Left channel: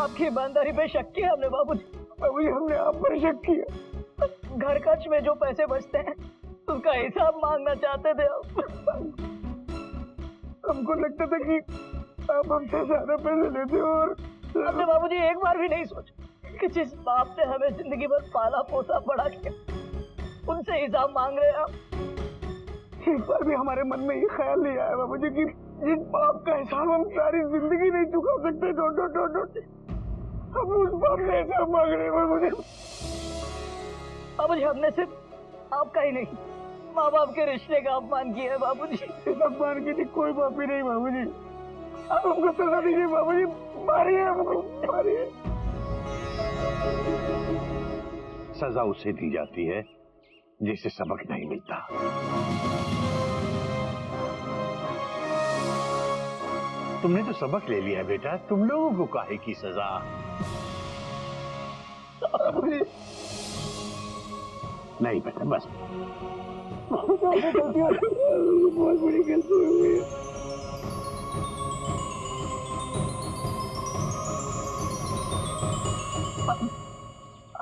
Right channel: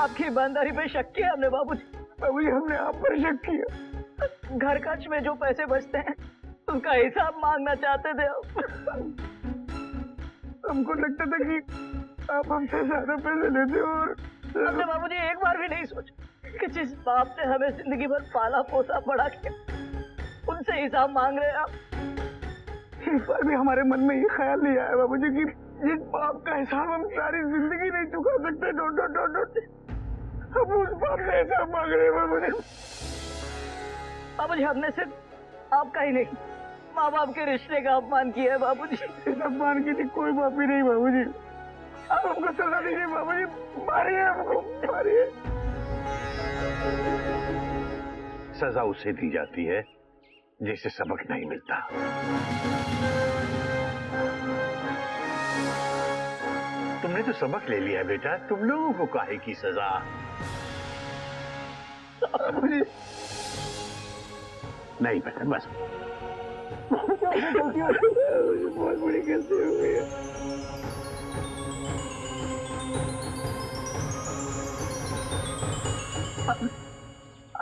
आपकी ईमानदारी पे शक किया हमने बाबूजी। बाबूजी हमने आप पर शक किया। घर खर्च में जो पैसे बचते हैं उसका हिसाब मांगना चाहते थे हमको लगता था कि आप हमसे ज्यादा पैसे लेते हो और हमने बाबूजी एक बार भी नहीं सोचा कि जिस बाप ने हमें जिंदगी भर पाला पोसा बड़ा किया उनसे हिसाब मांग रहे हैं आप। इस बार भी हमारे मन में ये ख्याल नहीं आया बाबूजी कि जिस बाप का हिसाब हम सारी जिंदगी नहीं चुका सकते हम उस बाप से हिसाब मांग रहे हैं बाबूजी। बाबूजी हमने सिर्फ आपका ही नहीं माँ बाप के रिश्ते का अपमान किया है बाबूजी। इस अपमान की कोई माफी नहीं बाबूजी। आप हमको सजा दीजिए बाबूजी, मारिए हमको, मारिए। सजा उसे दी जाती है जिसे सबक नहीं मिलता। तुमने तो सबक ले लिया बेटा, तुम लोगों को काहे की सजा? नहीं बेटा बस बहुत बड़ी गलती हो गई है।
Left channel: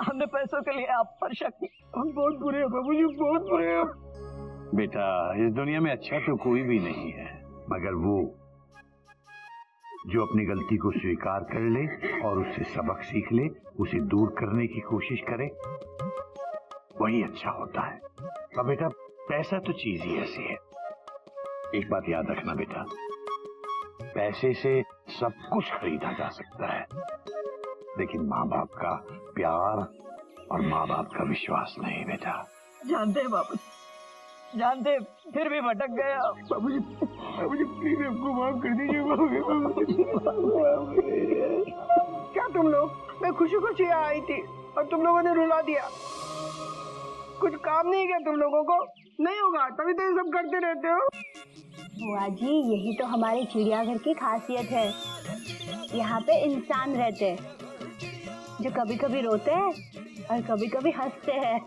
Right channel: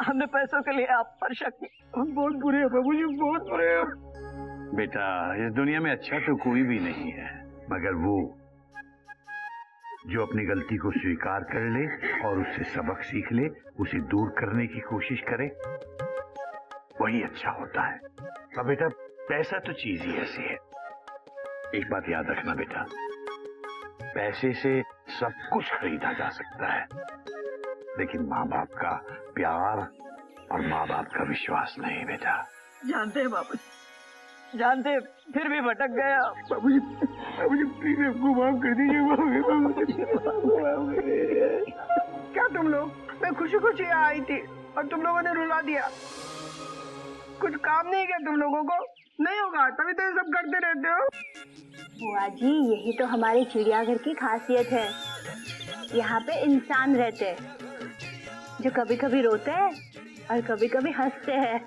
हमने पैसों के लिए आप पर शक किया। हम बहुत बुरे हैं बाबूजी, बहुत बुरे हैं। बेटा इस दुनिया में अच्छा तो कोई भी नहीं है मगर वो जो अपनी गलती को स्वीकार कर ले और उससे सबक सीख ले, उसे दूर करने की कोशिश करे, वही अच्छा होता है। अब बेटा पैसा तो चीज ही ऐसी है, एक बात याद रखना बेटा, पैसे से सब कुछ खरीदा जा सकता है लेकिन माँ बाप का प्यार और माँ बाप का विश्वास नहीं बेटा। जानते हैं बाबूजी, जानते हैं, फिर भी भटक गया। बाबूजी बाबूजी प्लीज हमको माफ कर दीजिए बाबूजी। क्या तुम लोग, मैं खुशी खुशी आई थी और तुम लोगों ने रुला दिया। कुछ काम नहीं किया तुम लोगों को, नहीं होगा तभी तो ये सब करते रहते हो। बुआ जी यही तो हमारे चिड़ियाघर की खासियत है, यहाँ पे इंसान रहते हैं जो कभी कभी रोते हैं और कभी कभी हंसते हैं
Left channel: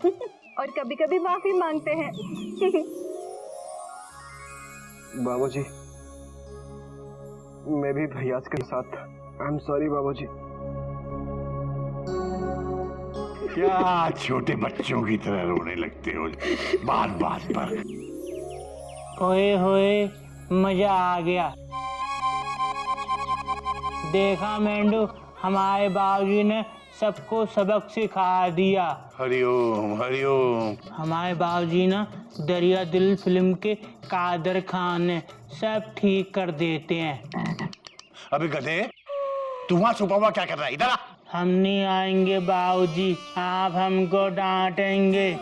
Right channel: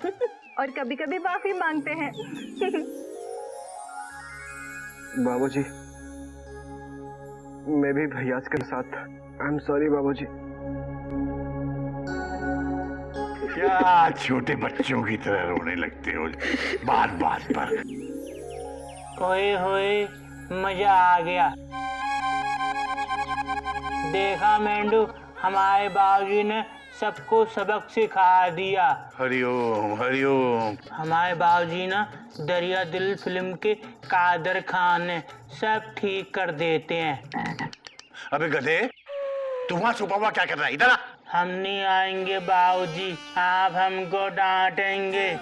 और कभी कभी माफी मांगते हैं। बाबूजी मैं भी भैया के साथ आई एम सॉरी बाबूजी। क्या छोटे बच्चों की तरह रोने लगते हो बात बात पर? ओए होए मजा आ गया। देखा मेंढू, हमारे बाबूजी ने सबको सबक सिखा दिया। हरिओम हरिओम। हमारे बाबूजी ना दरिया दिल फिल्म के कादर खान ने सब ठीक कर देते हैं। अबे गधे, तू वहां छुपा हुआ क्या कर रहा है? इधर आ। हम नहीं आएंगे बाबूजी, आप हमको डांटेंगे।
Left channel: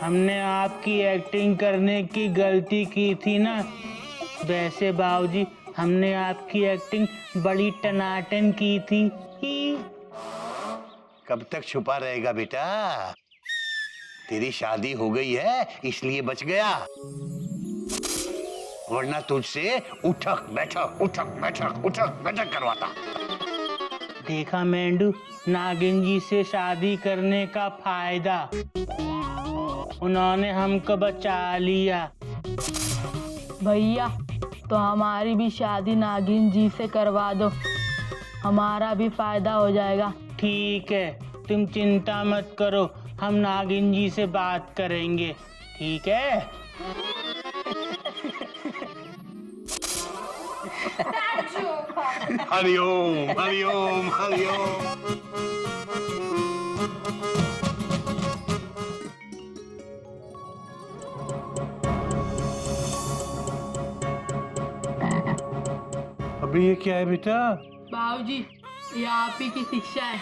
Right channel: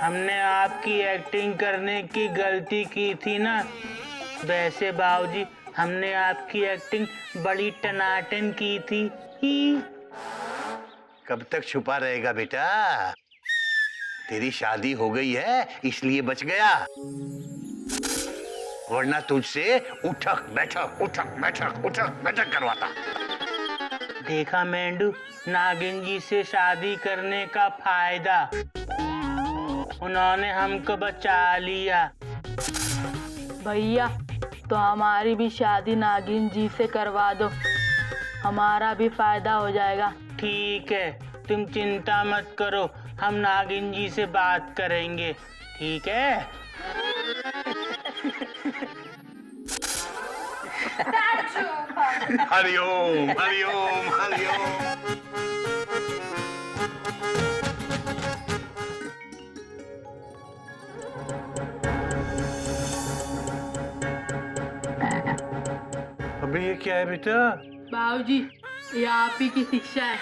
हमने आपकी एक्टिंग करने की गलती की थी ना। वैसे बाबूजी हमने आपकी एक्टिंग बड़ी टनाटन की थी ही। कब तक छुपा रहेगा बेटा? तेरी शादी हो गई है इसलिए बच गया, वरना तुझसे उठक बैठक करवाता। देखा मेंढू, नागिन जी से शादी करने का फायदा, उन्होंने हमको बचा लिया। भैया तो हमारी भी शादी नागिन जी से करवा दो, हमारा भी फायदा हो जाएगा। ठीक है, तुम चिंता मत करो, हम नागिन जी से बात करेंगे, ठीक है? हरिओम हरिओम हरिओम। अबे ये क्या है बेटा? बाबूजी ये आप ही की शिक्षा है।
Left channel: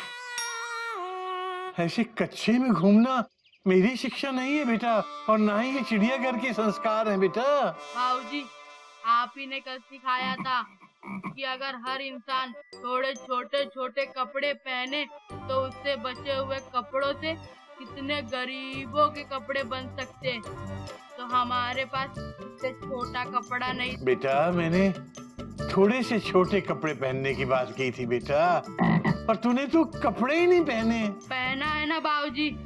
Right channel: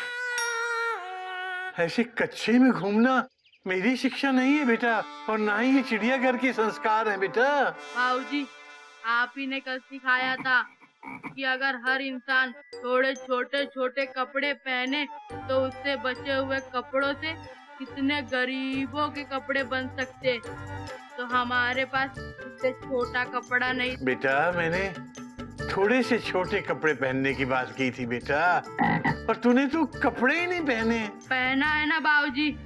ऐसे कच्चे में घूमना मेरी शिक्षा नहीं है बेटा, और ना ही ये चिड़ियाघर के संस्कार हैं बेटा। बाबूजी आप ही ने कल सिखाया था कि अगर हर इंसान थोड़े छोटे छोटे कपड़े पहने तो उससे बचे हुए कपड़ों से कितने गरीबों के कपड़े बन सकते। तो हमारे पास इससे छोटा कपड़ा नहीं। बेटा मैंने थोड़े से छोटे कपड़े पहनने की बात की थी बेटा, पर तूने तो कपड़े ही नहीं पहने। पहना है ना बाबूजी,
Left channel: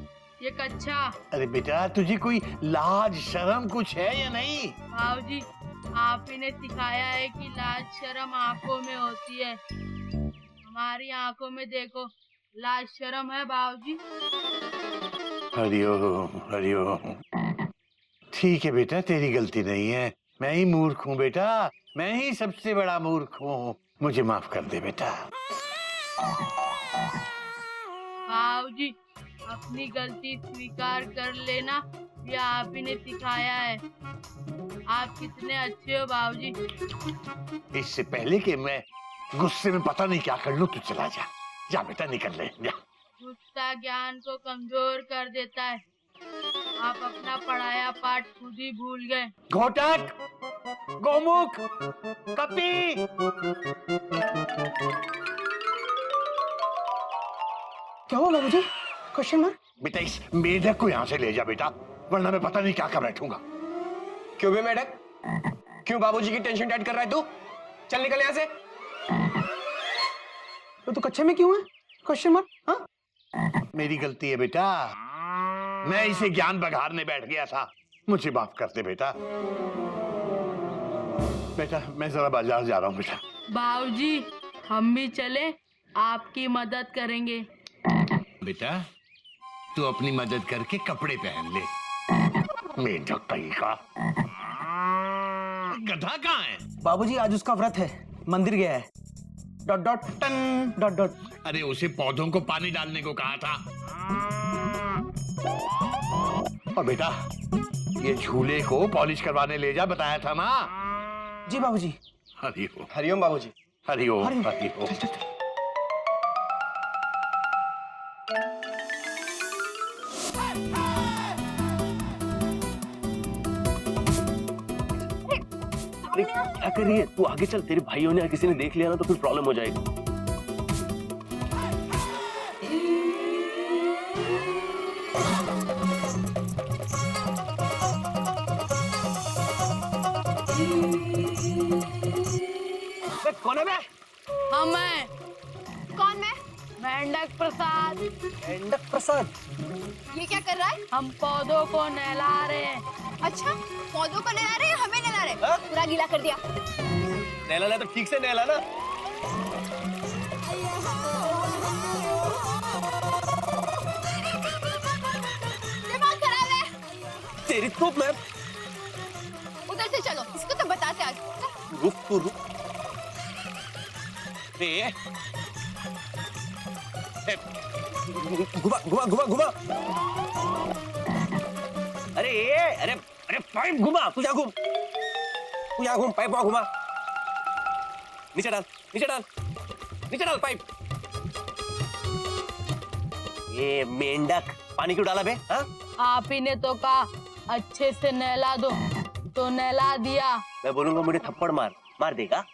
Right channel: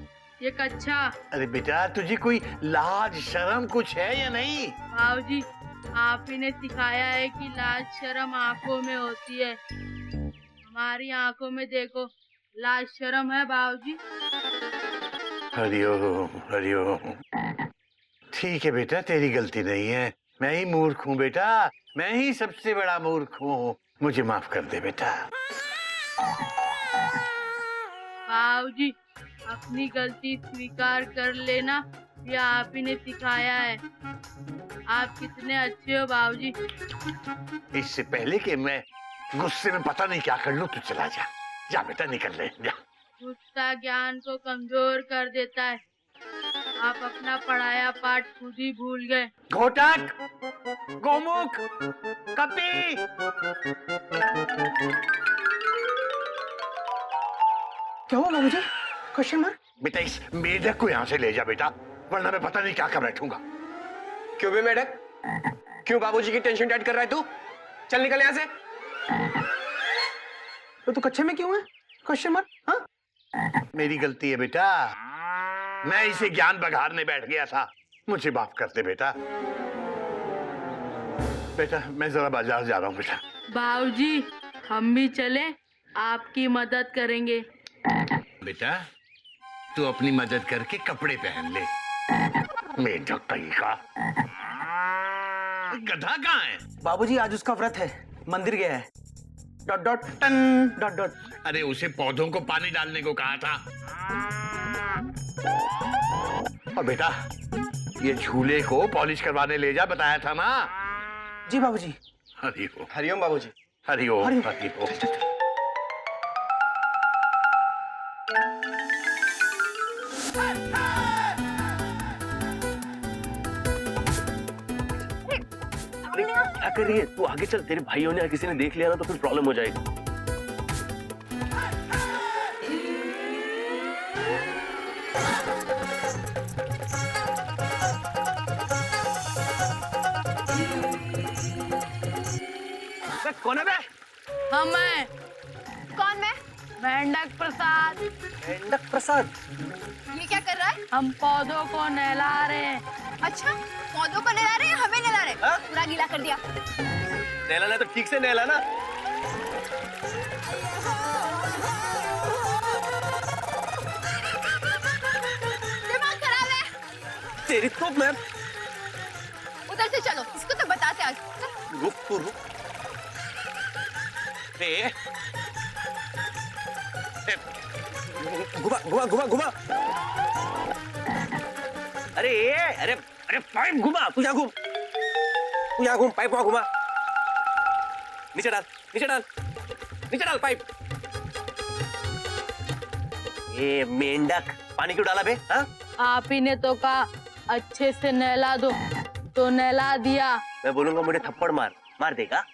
ये कच्चा। अरे बेटा तुझे कोई लाज शर्म कुछ है या नहीं? बाबूजी आप ही ने सिखाया है कि लाज शर्म आंखों में होती है, हमारी आंखों में देखो, लाज शर्म है बाबूजी। हरिओम हरिओम। ठीक है बेटा, तेरी गलती नहीं है, मैं ही मूर्ख हूँ बेटा, मैं ही सबसे बड़ा मूर्ख हूँ, मुझे माफ कर दे बेटा। बाबूजी, अपनी गलती स्वीकार कर लेना, ये आप ही ने सिखाया है। आप कितने अच्छे हो बाबूजी। इससे पहले कि मैं गुस्से में पता नहीं क्या कर लूं, तू चला जा, जा बेटा, निकल ले जा। गुस्सा ज्ञान को कमजोर कर देता है। आप अपना पढ़ाया पाठ खुद ही भूल गए। घोटक, गोमुख, कपी। क्या हुआ बाबूजी? Question mark? बेटा इस मेढक को यहाँ से ले जा बेटा, वरना मैं पता नहीं क्या कर बैठूंगा। क्यों बे मेढक? क्यों बाबूजी की टेंशन टाइट कर रहा है तू? चल निकल यहाँ से। तो कच्चे में क्यों है? Question mark? हाँ? मेरी गलती है बेटा, मैं इसे ज्ञान बघारने बैठ गया था, मुझे माफ कर दे बेटा। बेटा मैं जरा बाजार जा रहा हूँ बेटा। बाबूजी, हम भी चले, आपकी मदद करेंगे। बेटा तू अपनी मदद करके कपड़े पहन ले। मेढक का गधा कहाँ है? बाबूजी आज उसका व्रत है, मंदिर गया है। Dot dot ton dot dot. अरे उसे पौधों को पानी डालने को कहा था। और बेटा ये झूले को पॉलिश करवाने ले जा, बताया था ना। जी बाबूजी। हरिओम हरिओम बाबूजी। हरिओम हरिओम। हरिओम। चल, चल, चल। अरे क्या कर रही है तू? आगे चल, तेरे भाइयों ने या किसी ने देख लिया ना तो फिर प्रॉब्लम हो जाएगी। कौन है बे? हम हैं कौन मैं? मेंढक प्रसाद। मेंढक प्रसाद? ये क्या कर रहा है? हम पौधों को नहला रहे हैं। अच्छा, पौधों को नहला रहे हैं, हमें नहला रहे हैं? हाँ? पूरा गीला कर दिया। नहलाना तो ठीक से नहलाना। दिमाग खराब है। तेरी तो मैं। उधर से चलो, इसको तो बताते आज। रुक तू रुक। घुमा घुमा घुमा घुमा। अरे अरे अरे पाइप घुमा। तू यहाँ घूम, तू यहाँ घूम, पाइप वहां घुमा। नीचे डाल, नीचे डाल, नीचे डाल पाइप। ये मेंढक पानी क्यों डाला बे? हाँ? आप ही ने तो कहा अच्छे से नहला दो, तो नहला दिया। मैं बोलूंगा मुझे थप्पड़ मार, मार देगा?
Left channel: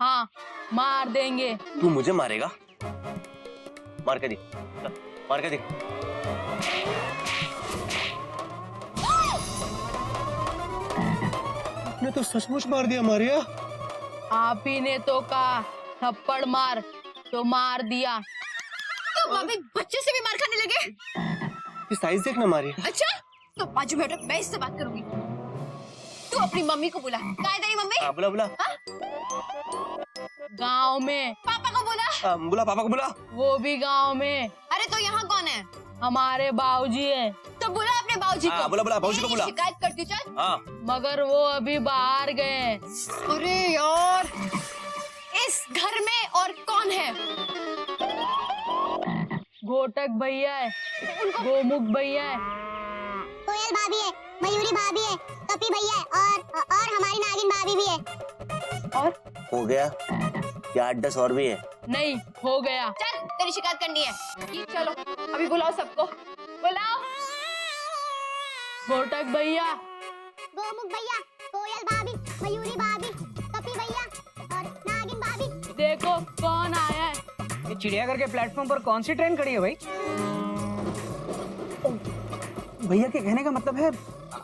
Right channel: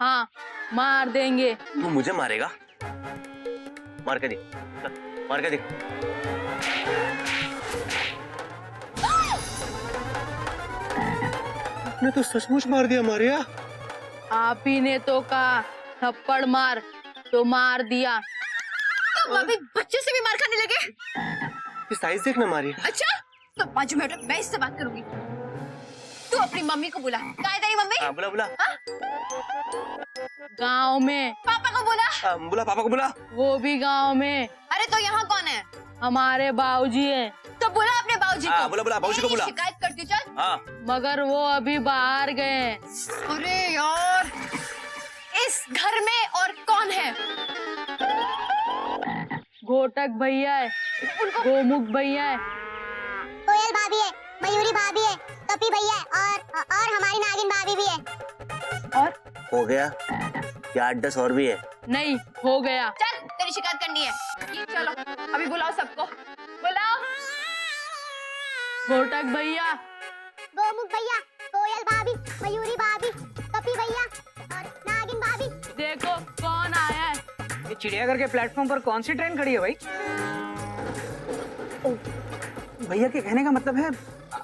हाँ, मार देंगे। तू मुझे मारेगा? मार के देख, मार के देख। ने तो सचमुच मार दिया मारिया। आप ही ने तो कहा थप्पड़ मार, तो मार दिया। तो अभी बच्चे से भी मार खाने लगे? ये साइज देखना मारिया। अच्छा, तो बाजू में हटो, मैं इससे बात करूंगी। तू अपनी मम्मी को बुला। कहाँ है तेरी मम्मी? हाँ बुला बुला। गांव में। पापा को बुला। हाँ, बुला पापा को बुला। वो भी गांव में। अरे तो यहाँ कौन है? हमारे बाबूजी हैं। तो बुला अपने बाबूजी को। हाँ, बुला बुला बाबूजी को बुला। शिकायत करती हूँ, चल। हाँ मगर वो अभी बाहर गए हैं। अरे यार, इस घर में और कौन है? घोटक भैया है, गोमुख भैया है, कोयल भाभी है, मयूरी भाभी है, कपी भैया है और हमारी नागिन भाभी भी है। और हो गया या 8-10 और भी है? नहीं हो गया। चल, तेरी शिकायत करनी है। ये चलो, अभी बुलाओ सबको, बुलाओ। घोटक भैया, गोमुख भैया, कोयल भाभी, मयूरी भाभी, कपी भैया और नागिन भाभी। देखो कौन आया है। ये चिड़ियाघर के प्लेटफॉर्म पर कौन सी ट्रेन खड़ी है भाई? भैया के कहने का मतलब है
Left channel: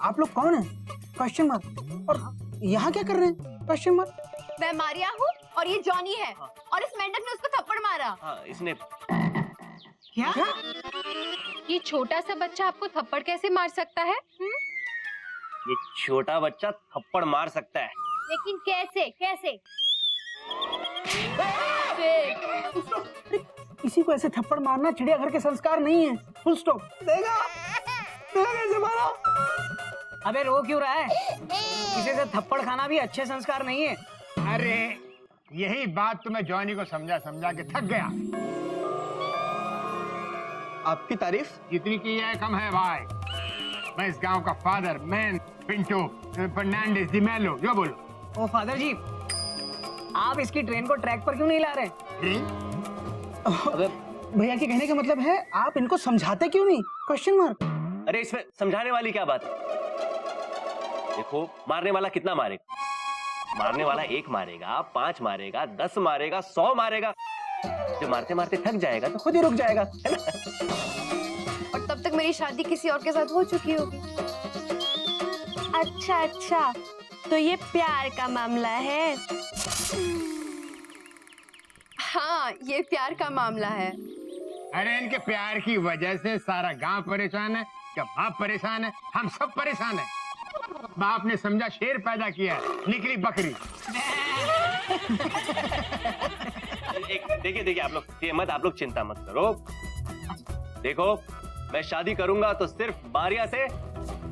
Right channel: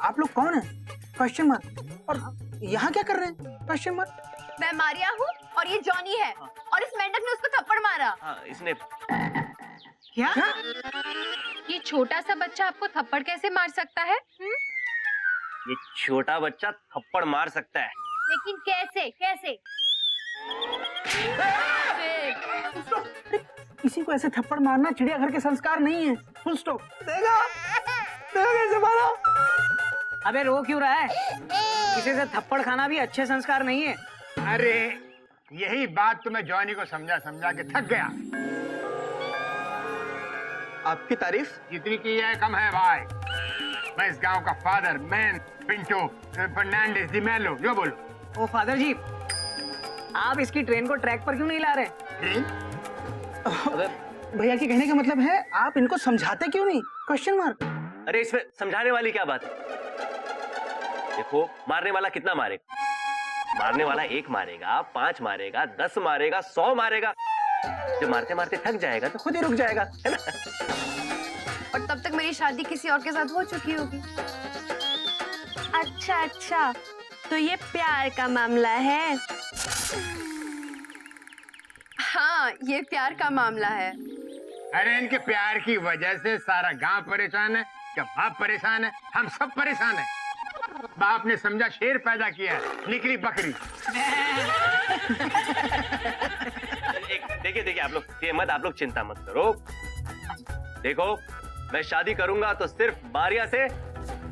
आप लोग कौन हैं? Question mark. और यहाँ क्या कर रहे हैं? Question mark. मैं मारिया हूँ और ये जॉनी है, और इस मेंढक ने उसको थप्पड़ मारा। हाँ इसने। क्या? ये छोटा सा बच्चा आपको थप्पड़ कैसे मार सकता है? ये छोटा बच्चा थप्पड़ मार सकता है, लेकिन कैसे? कैसे? किसी को ऐसे थप्पड़ मारना चिड़ियाघर के संस्कार नहीं है, फुल स्टॉप। देखा कैसे मारा? अबे रो क्यों रहा है? किसी से थप्पड़ खाना भी अच्छे संस्कार नहीं है। अरे यही बात तो मैं जॉनी को समझा समझा के थक गया। आपकी तारीफ जितनी की है कम है भाई। मैं इस गांव का फादर मैन पिंटो फर्नांडिस डी मेलो, जो बोलो। ओ फादर जी, आप इसकी ट्रेन को ट्रैक पर क्यों नहीं ला रहे? ट्रेन? भैया के कहने का मतलब है आप इनको समझाते क्यों नहीं? Question mark. अरे इसमें समझाने वाली क्या बात है? देखो, मारने वाला कितना मारेगा? मारने वाला 1 मारेगा, 5 मारेगा, 10 मारेगा, 100 मारेगा। जो मारते मारते थक जाएगा तो खुद ही रुक जाएगा, है ना? और तब तक मेरी शादी किसी और के साथ हो चुकी होगी। अच्छा अच्छा, तो ये प्यार का मामला है। हाँ, ये प्यार का मामला है। अरे इनके प्यार की वजह से सारा गांव परेशान है, क्या बाप परेशान है? हम सब परेशान है। बाप ने समझा शेर पैदा किया है, निकली बकरी। देखिए आप लोग ये मत, आप लोग चिंता मत करो। देखो, मैं शादी करूंगा तो सिर्फ मारिया से,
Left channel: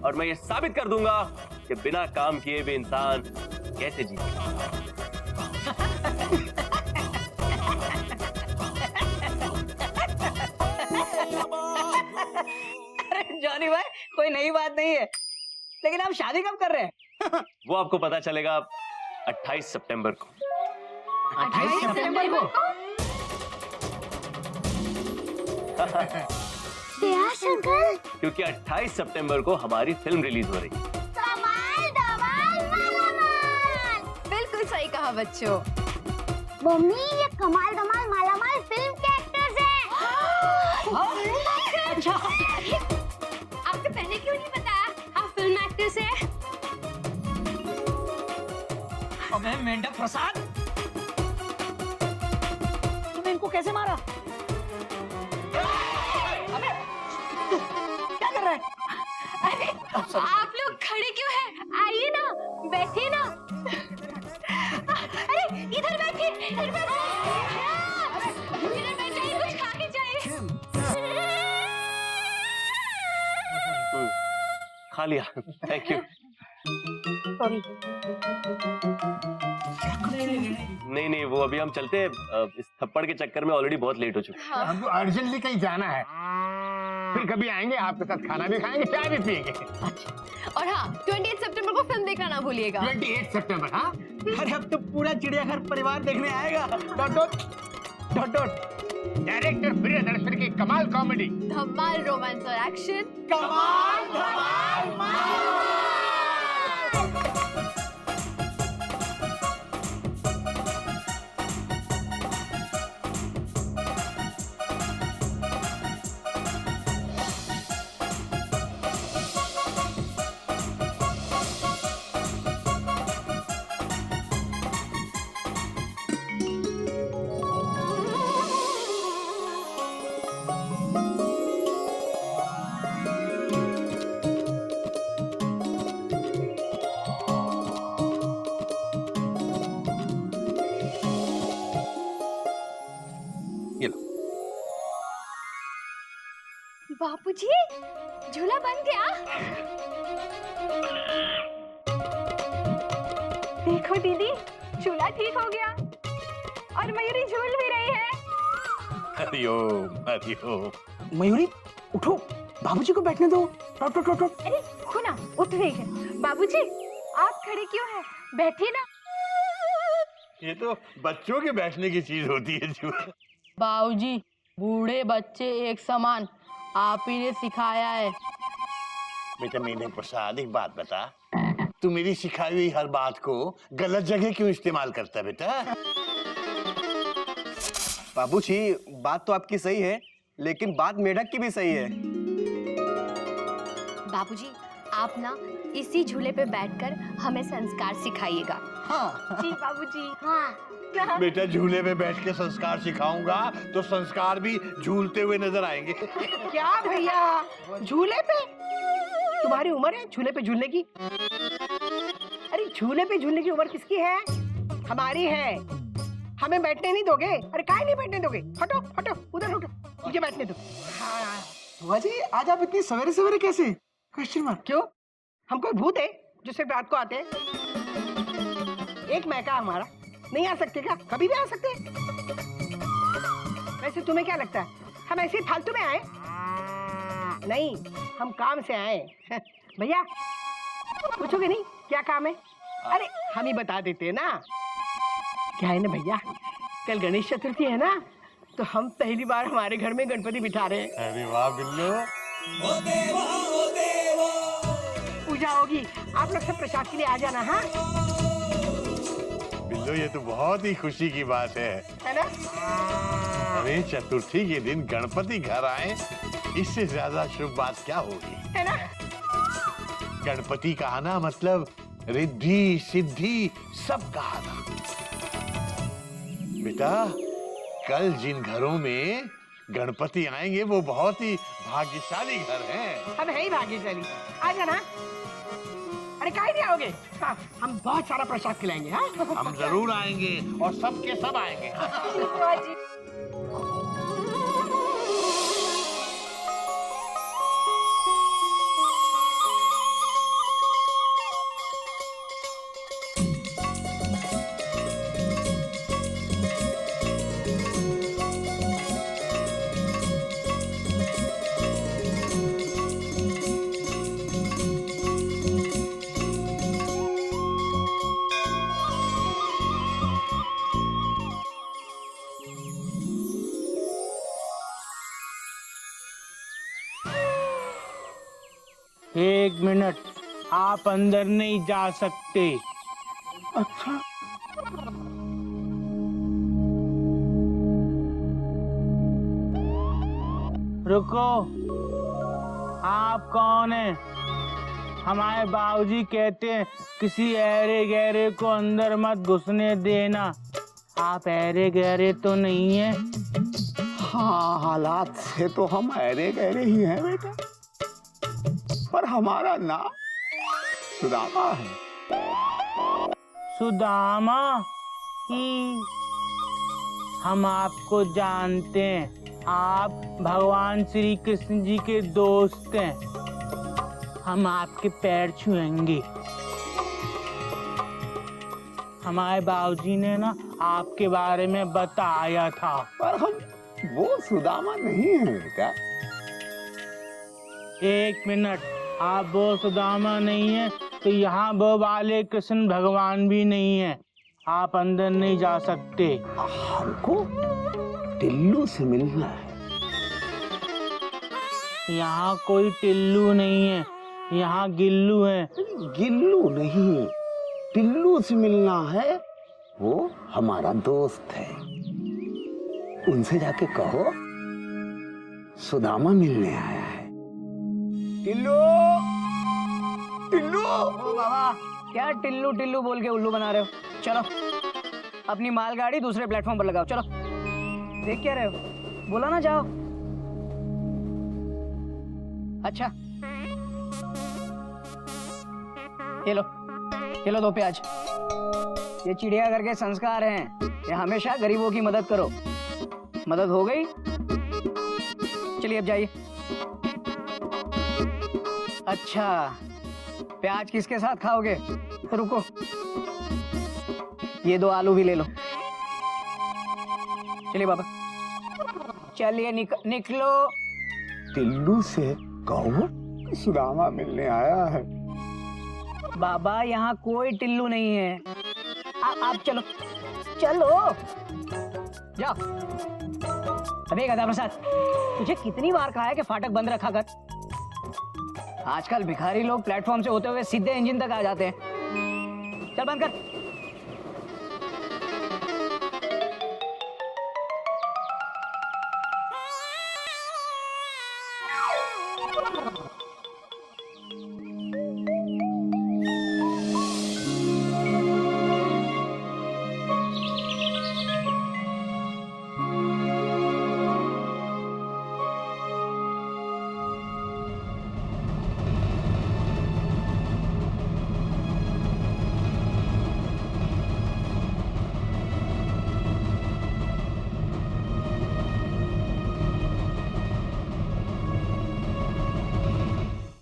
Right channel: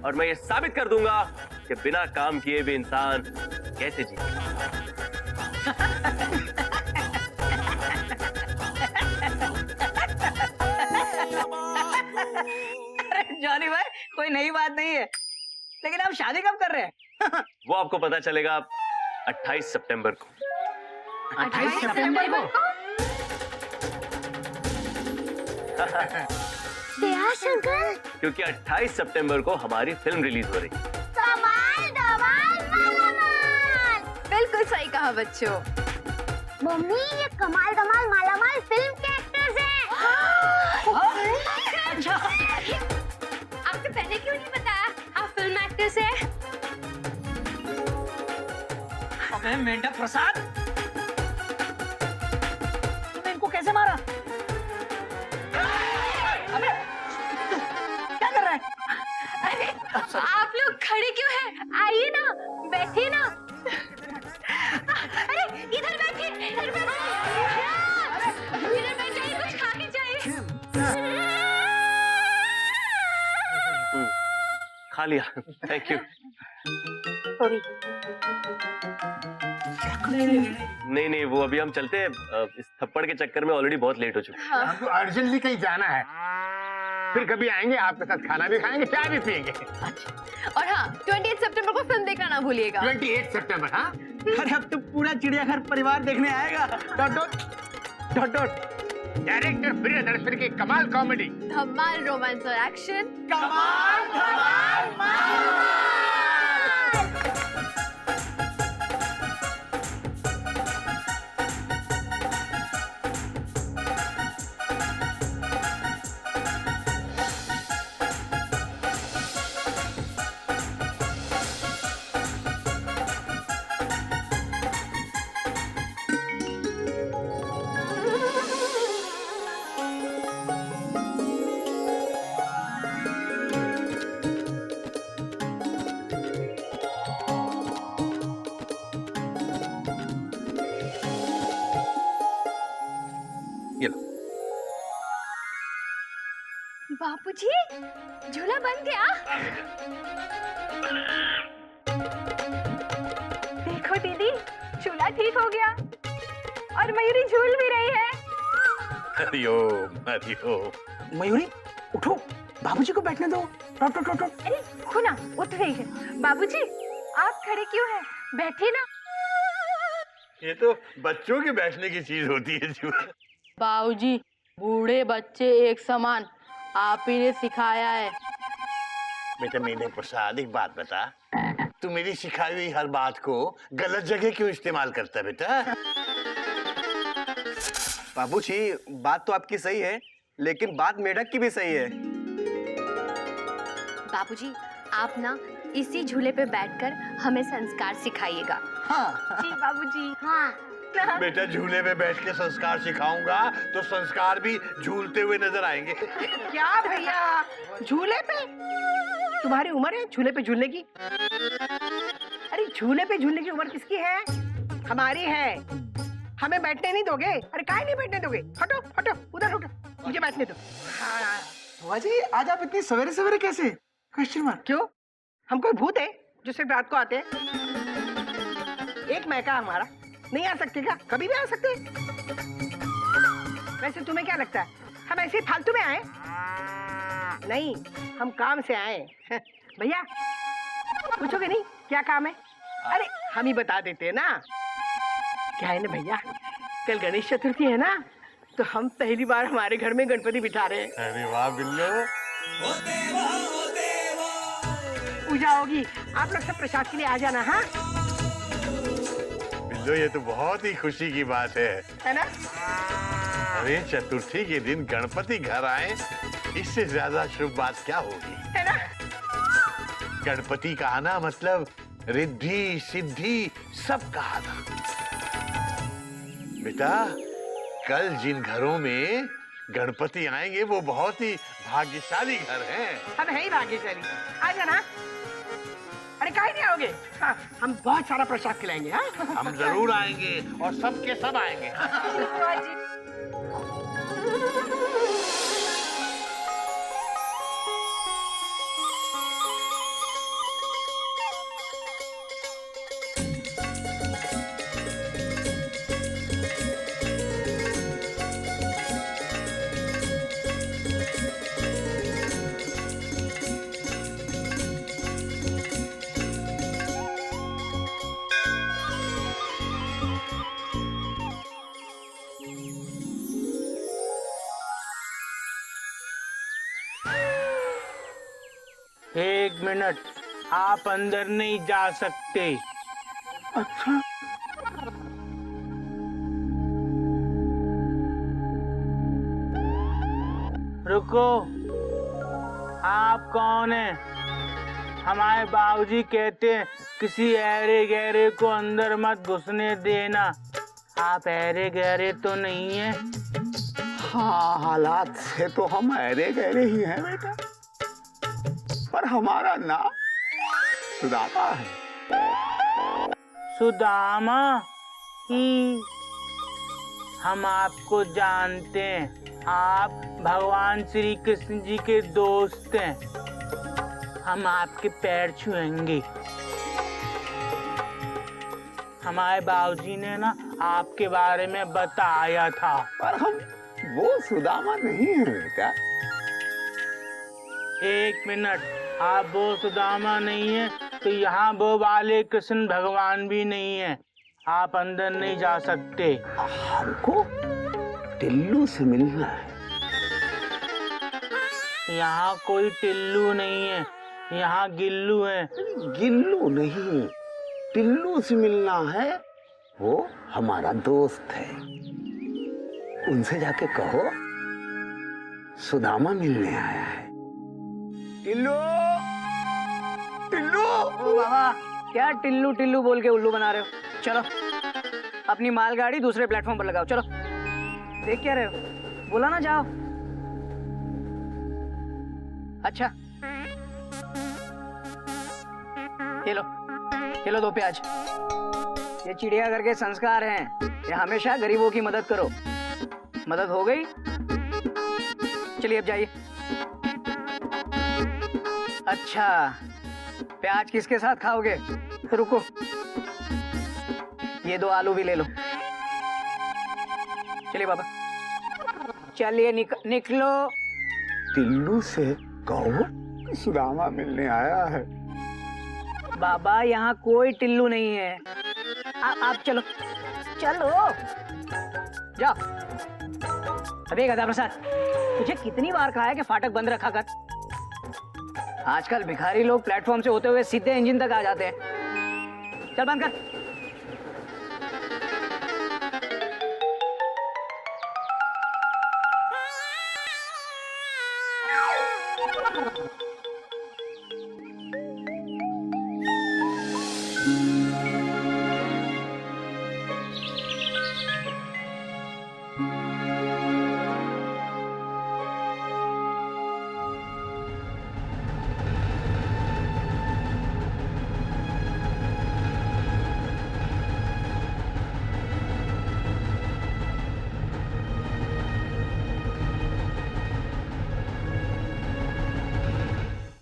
और मैं ये साबित कर दूंगा कि बिना काम किए भी इंसान कैसे जी। अरे जॉनी भाई, कोई नई बात नहीं है, लेकिन आप शादी कब कर रहे हैं? वो आपको पता चलेगा 28 सितंबर को। 28 सितंबर को? शंकर, क्योंकि 28 सितंबर को हमारी फिल्म रिलीज हो रही है। कमाल धमाल मालामाल। बिल्कुल सही कहा बच्चों। मम्मी, ये कमाल धमाल मालामाल फिल्म के एक्टर्स हैं। अच्छा, आपको पहले क्यों नहीं बताया आप फिल्म एक्टर्स हैं? अबे मेंढक प्रसाद, तुमने इनको कैसे मारा? अबे क्या कर रहा है? अरे आप लोग खड़े क्यों हैं? आइए ना, बैठिए ना। अरे इधर बैठिए, इधर बैठिए, इधर बैठ जाइए, कुछ खा के जाइए। खा लिया, थैंक यू। नहीं, वो अभी हम चलते हैं। इस थप्पड़ के चक्कर में ऑलरेडी बहुत लेट हो चुके हैं। हमको अर्जेंटली कहीं जाना है, फिर कभी आएंगे, आपके साथ खाना भी खाएंगे, चाय भी पियेंगे। और हाँ, 28 सितंबर को फिल्म देखना ना भूलिएगा। 28 सितंबर, हाँ? अरे अब तो पूरा चिड़ियाघर परिवार देखने आएगा। Dot dot dot dot. Director Priyadarshan की कमाल कॉमेडी, धमाल रोमांस और एक्शन। कमाल धमाल। बापूजी, झूला बन गया। देखो दीदी, झूला ठीक हो गया और मयूरी झूल भी रही है। हरिओम। मयूरी उठो, बाबूजी को बैठने दो। Dot dot dot. अरे खुना, उठ रही है। बाबूजी, आप खड़े क्यों हैं? बैठिए ना। ये तो बच्चों के बैठने की चीज होती है जो। बाबूजी, बूढ़े बच्चे एक समान, आप ही ने सिखाया है। बेटा मेरे प्रसाद, एक बात बता, तू मेरी सिखाई हुई हर बात को गलत जगह क्यों इस्तेमाल करता है बेटा? बाबूजी, बात तो आपकी सही है, लेकिन बात मेढक की भी सही है। बाबूजी, आप ना इसी झूले पे बैठकर हमें संस्कार सिखाइएगा। हाँ जी बाबूजी। हाँ, बेटा झूले में बैठ के संस्कार सिखाऊंगा तो संस्कार भी झूलते हुए नजर आएंगे। क्या भैया, झूले पे? तुम्हारी उम्र है झूले पे झूलने की? अरे झूले पे झूलने की उम्र किसकी है? हमारी है। हमें बैठने नहीं दोगे? अरे काहे नहीं बैठने दोगे? हटो हटो, उधर हटो, मुझे बैठने दो। हाँ बुआ जी, आज आप इतनी सवेरे सवेरे कैसे? Question mark. क्यों? हम कोई भूत है जो सिर्फ रात को आते हैं? एक मैका हमारा नहीं आ सकते क्या? कभी भी आ सकते हैं। वैसे तुम्हें क्या लगता है हम ऐसे ही फालतू में आए? नहीं, हम काम से आए। भैया पूछोगे नहीं क्या काम है? अरे हम ही बता देते हैं ना। क्या है ना भैया, कल गणेश चतुर्थी है ना, तो हम पहली बार हमारे घर में गणपति बिठा रहे हैं। अरे वाह बिल्लो। पूजा होगी, आप लोग सब प्रसाद के लिए आ जाना। हाँ बिल्लो, ये तो बहुत ही खुशी की बात है ना? अरे चतुर्थी के दिन गणपति घर आए, इससे ज्यादा शुभ बात क्या होगी? है ना? गणपति का आना मतलब रिद्धि सिद्धि सब का आना। बेटा, कल जिन घरों में गणपति आएंगे वो बहुत ही भाग्यशाली घर हैं। हम है ही भाग्यशाली। आ जाना। अरे काहे नहीं आओगे? हाँ, हम बहुत सारा प्रसाद खिलाएंगे। हाँ हम जरूर आएंगे और सब के सब आएंगे। एक मिनट, आप अंदर नहीं जा सकते। अच्छा, रुको, आप कौन हैं? हमारे बाबूजी कहते हैं किसी ऐरे गहरे को अंदर मत घुसने देना। आप ऐरे गहरे तो नहीं हैं? हाँ, हालात से तो हम ऐरे गहरे ही हैं बेटा, पर हमारा नाम सुदामा है। सुदामा ही? हम आपको जानते हैं, आप भगवान श्री कृष्ण जी के दोस्त हैं। हम आपके पैर छुएंगे। हमारे बाबूजी ने ना आपके बारे में बताया था। पर हम वो सुदामा नहीं है बेटा। एक मिनट, आप वो सुदामा नहीं है तो यहाँ वो वाले कृष्ण भगवान भी नहीं है। आप अंदर नहीं जा सकते। हमको टिल्लू से मिलना है। यहाँ कोई टिल्लू नहीं है, यहाँ गिल्लू है। गिल्लू नहीं, टिल्लू से मिलना है। वो हमारा दोस्त है, उनसे जाके कहो सुदामा मिलने आया है। टिल्लू, टिल्लू। ओ बाबा, क्या टिल्लू टिल्लू बोल के उल्लू बना रहे हो? चलो अपनी मालगाड़ी दूसरे प्लेटफॉर्म पर लगाओ। चलो, देख क्या रहे हो? बोला ना जाओ। अच्छा, ये लो 2 प्याज। ये चिड़ियाघर के संस्कार हैं, ये हमेशा गरीबों की मदद करो। मदद हो गई? चलिए अब जाइए। अच्छा, प्याज किसके साथ खाओगे? रुको, ये 2 आलू भी ले लो। चलिए बाबा, चलिए निकलो। टिल्लू से कहो सुदामा मिलने आया है। बाबा, यहाँ कोई टिल्लू नहीं है। आप चलो चलो, जाओ। अबे गधा प्रसाद, तुझे कितनी बार कहा है कि फाटक बंद रखा कर? आजकल भिखारी लोग प्लेटफॉर्म से होते हुए सीधे इंजन तक आ जाते हैं। चल बंद कर।